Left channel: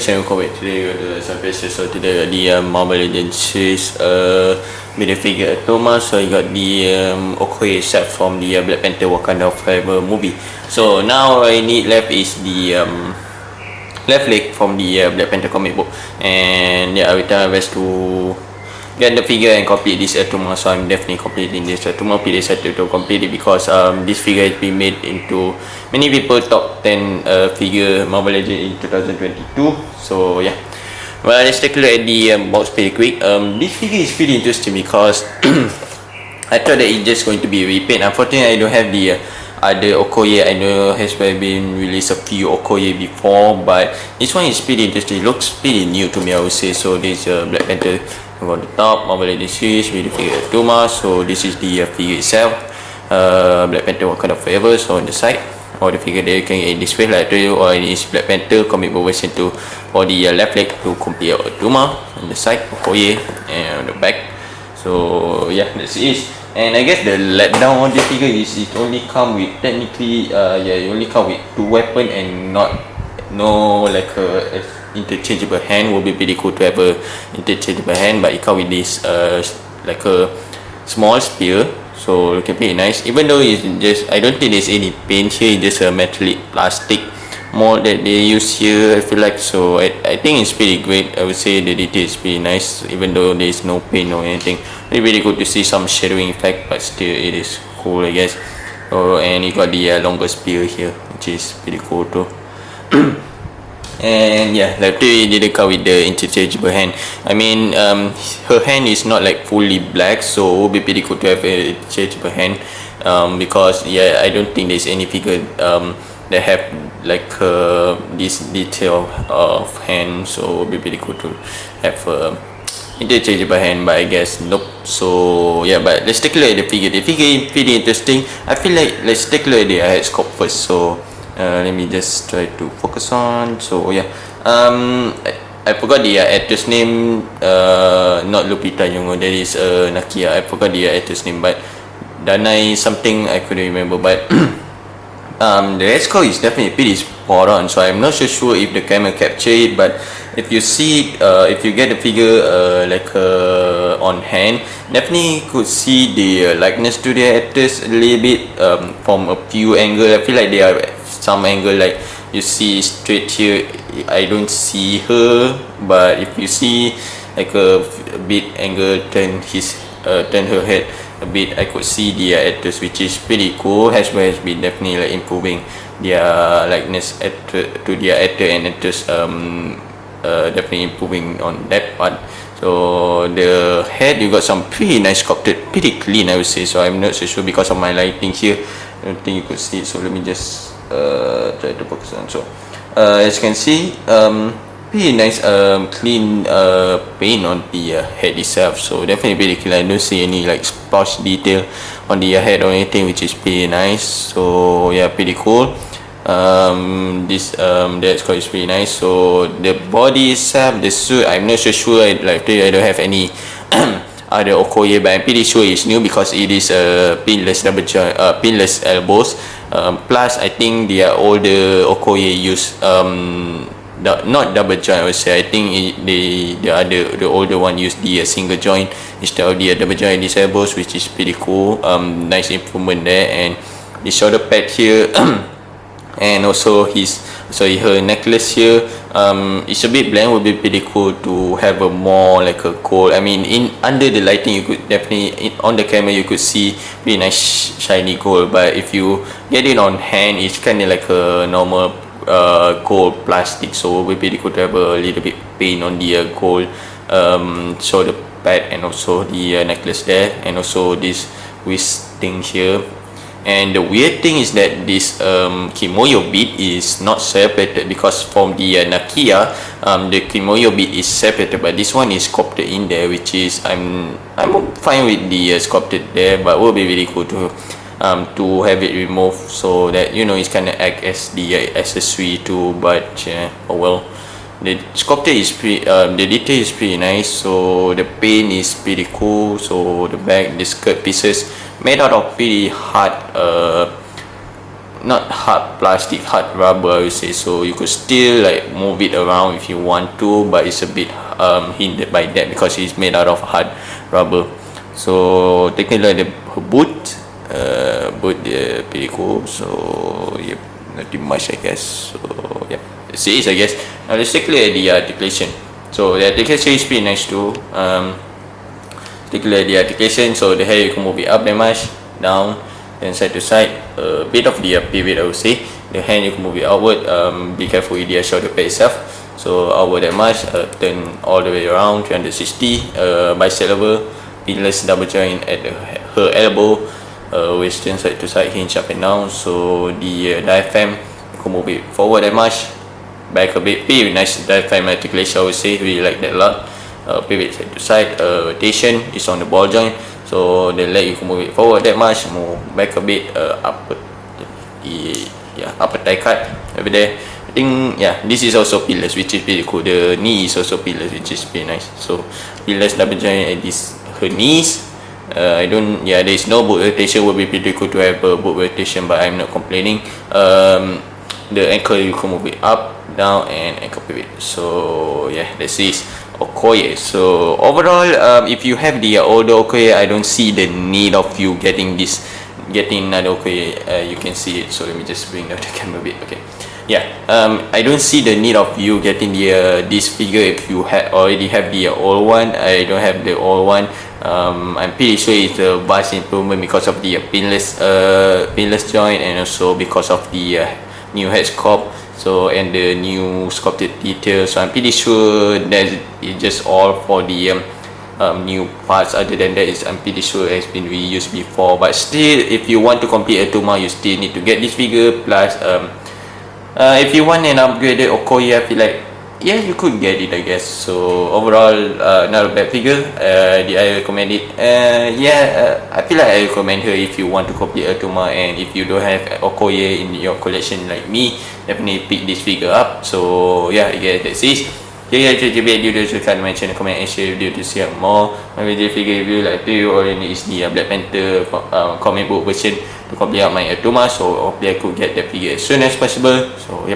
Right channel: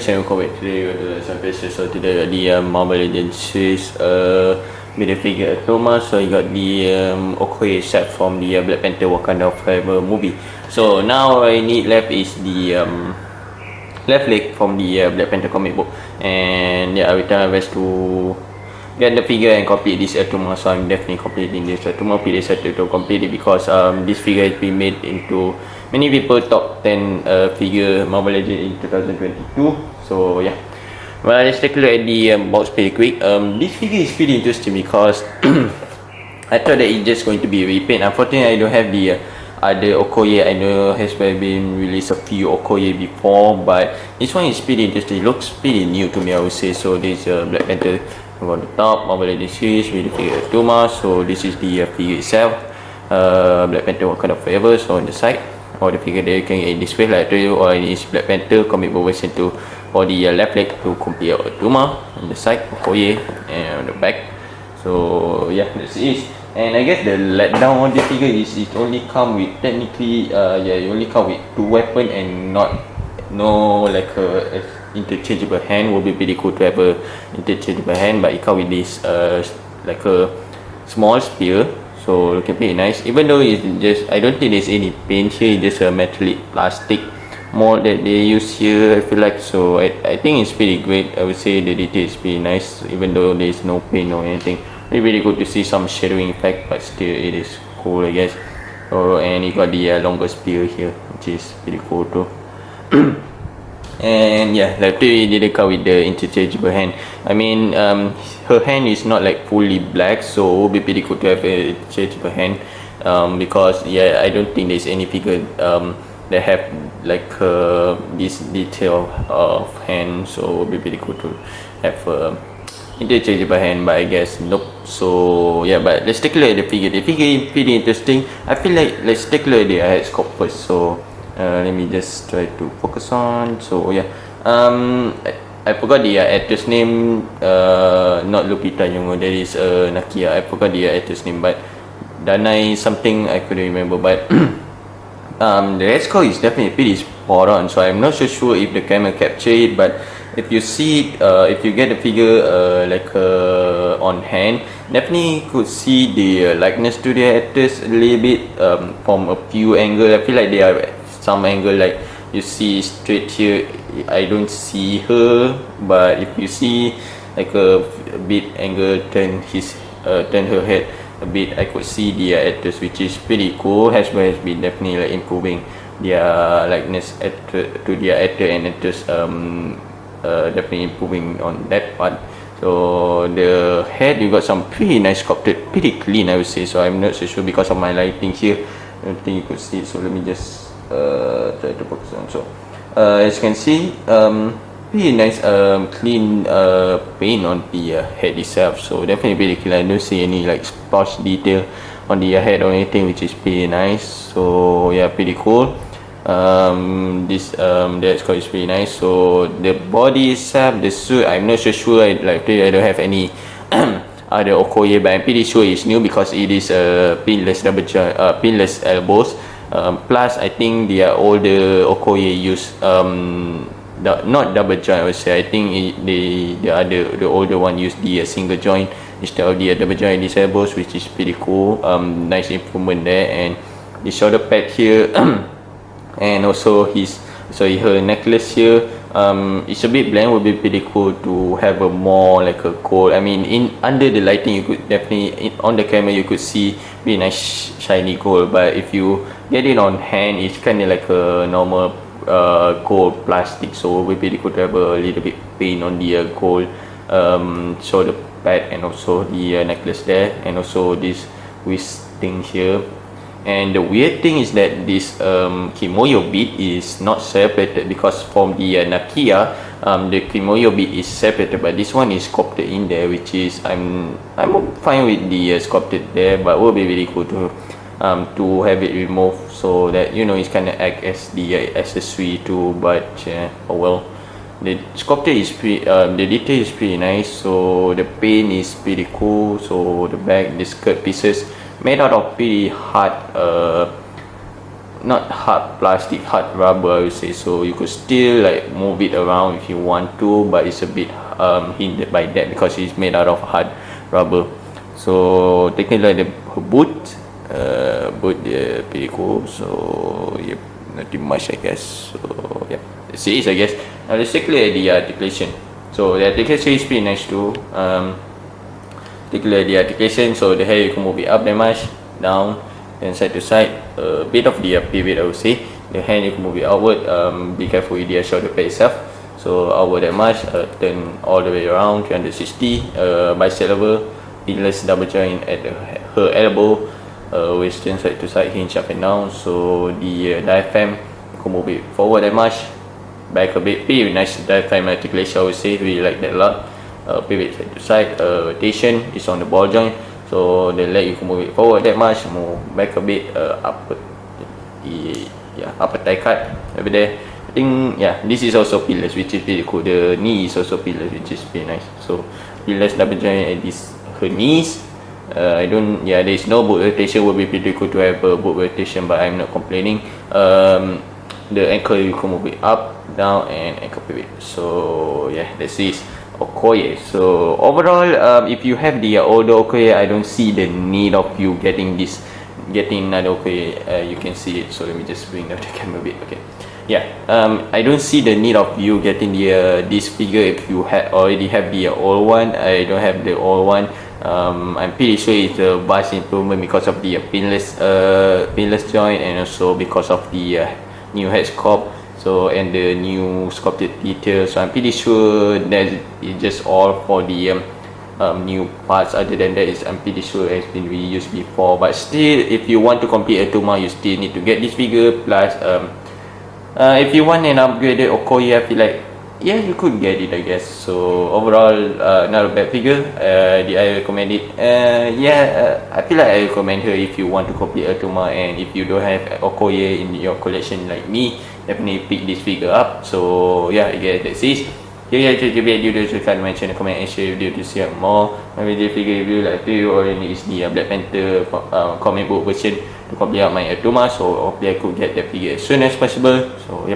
Channel Okoye. Today we got the surface. So today the Marvel Legends Series with the figure Attuma. So you got the Okoye set from the Black Panther Wakanda Forever movie. So now all I need left is the left leg from the Black Panther comic book, and yeah, I will try my best to get the figure and complete this Attuma. So I'm definitely completing this Attuma. Pretty excited to complete it because this figure has been made into many people top 10 figure Marvel Legends in 2022. So yeah, well, let's take a look at the box pretty quick. This figure is pretty interesting because I thought that it's just going to be a repaint. Unfortunately, I don't have the other Okoye. I know has been released a few Okoye before, but this one is pretty interesting. It looks pretty new to me, I would say. So this Black Panther on the top, Marvel Legends Series with the figure Attuma. So this is the figure itself, Black Panther Wakanda Forever. So on the side, or the figure there you can get in this way, like I told you, or in this Black Panther comic book version 2, or the left leg to complete Attuma. On the side, Okoye, and on the back. So yeah, that's it. And I guess the letdown on the figure is it only come with technically it only come with 2 weapons and no like a interchangeable hand. Will be pretty cool to have a interchangeable hand, but it come with this like a small spear. So looking pretty nice, even though it's just, I don't think there's any paint here. It's just a metallic plastic mold that they use here, I feel like. So I think it's pretty great. I would say the detail is pretty nice, even though there's no paint or anything. Really good to see some shadowing effect, but still it is cool, I guess. Oh, and you got the longer spear here, which is pretty cool too. And yeah, like they didn't come with the interchangeable hand. I mean, her hand is not like fully black, so it would be pretty cool to have an interchangeable hand. Because yeah, I don't think there's any figure that have like this detail of hand, so it would be pretty cool to have interchangeable hand, but I guess nope. So yeah, but let's take a look at the figure. The figure is pretty interesting. I feel like let's take a look at the head sculpt first. So let me just try to focus on. So yeah, I forgot the actor's name. Not Lupita Nyong'o. That is Nakia. I forgot the actor's name, but Danai something I couldn't remember. But the head sculpt is definitely pretty spot on. So I'm not so sure if the camera captured it, but if you see if you get the figure on hand, definitely could see the likeness to the actors a little bit from a few angles. I feel like they are some angle, like you see straight here, I don't see her, but if you see like a bit angle, turn her head a bit, I could see the actors, which is pretty cool. Hasbro has been definitely like improving their likeness to their actor and actors, definitely improving on that part. So the head, you got some pretty nice sculpted, pretty clean, I would say. So I'm not so sure because of my lighting here, I don't think you could see it. So let me just try to focus on. So as you can see, pretty nice clean paint on the head itself. So definitely pretty clean. I don't see any like splash detail on the head or anything, which is pretty nice. So yeah, pretty cool. This the sculpt is pretty nice. So the body itself, the suit, I'm not so sure. I don't have any other Okoye, but I'm pretty sure it's new because it is pinless double joint, pinless elbows. Plus I think the older Okoye use not double joint, I would say. I think the older one used the single joint instead of the double joint in these elbows, which is pretty cool. Nice improvement there. And the shoulder pad here and also her necklace here, it's a bit bland. Would be pretty cool to have a more like a gold. I mean, in under the lighting you could definitely, on the camera you could see really nice shiny gold, but if you get it on hand, it's kind of like a normal gold plastic. So it would be pretty cool to have a little bit paint on the gold shoulder pad, and also the necklace there, and also this wrist thing here. And the weird thing is that this kimoyo bead is not separated, because from the Nakia, the kimoyo bead is separated, but this one is sculpted in there, which is I'm fine with the sculpted there, but it will be really cool to have it removed, so that you know it's kind of act as the accessory too. But oh well, the sculpture is pretty, the detail is pretty nice. So the paint is pretty cool. So the back, the skirt pieces made out of pretty hard not hard plastic, hard rubber, I would say. So you could still like move it around if you want to, but it's a bit hindered by that because it's made out of hard rubber. So taking a look at her boot, boot dia pretty cool. So yep, nothing much I guess. So yep, that's it I guess. Now let's take a look at the articulation. So the articulation is pretty nice too. Take a look at the articulation. So the hair you can move it up that much, down, then side to side. A bit of the pivot I would say. The hand you can move it outward. Be careful with the shoulder pad itself. So outward that much, turn all the way around 360. Bicep level, pinless double joint at her elbow. Waist turn side to side, hinge up and down. So the diaphragm you can move it forward that much, back a bit. Pretty nice diaphragm articulation I would say. Really like that a lot. Pivot side to side. Rotation is on the ball joint. So the leg you can move it forward that much, move back a bit, upper, upper thigh cut over there. I think this is also pinless, which is pretty cool. The knee is also pinless, which is pretty nice. So pinless double joint at this her knees. There is no boot rotation. Would be pretty cool to have a boot rotation, but I'm not complaining. The ankle you can move it up, down, and ankle pivot. So that's it. Okoye. So overall, if you have the older Okoye, I don't see the need of you getting another Okoye. You can see it. So let me just bring down the camera a bit. Okay. I don't see the need of you getting this figure if you already have the old one. I don't have the old one. I'm pretty sure it's a vast improvement because of the pinless joint, and also because of the new head sculpt. So and the new sculpted details. So I'm pretty sure that it's just all for the new parts. Other than that, I'm pretty sure it has been reused before. But still, if you want to complete Attuma, you still need to get this figure. Plus, if you want an upgraded Okoye, I feel like you could get it I guess. So overall, not a bad figure. Did I recommend it? I feel like I recommend her if you want to complete Attuma, and if you don't have Okoye in your collection like me, definitely pick this figure up. So I guess that's it. If you enjoyed the video, don't forget to mention, comment and share video to see more my video figure review. Like you already is the Black Panther comic book version to complete out my Attuma. So hopefully I could get that figure as soon as possible. So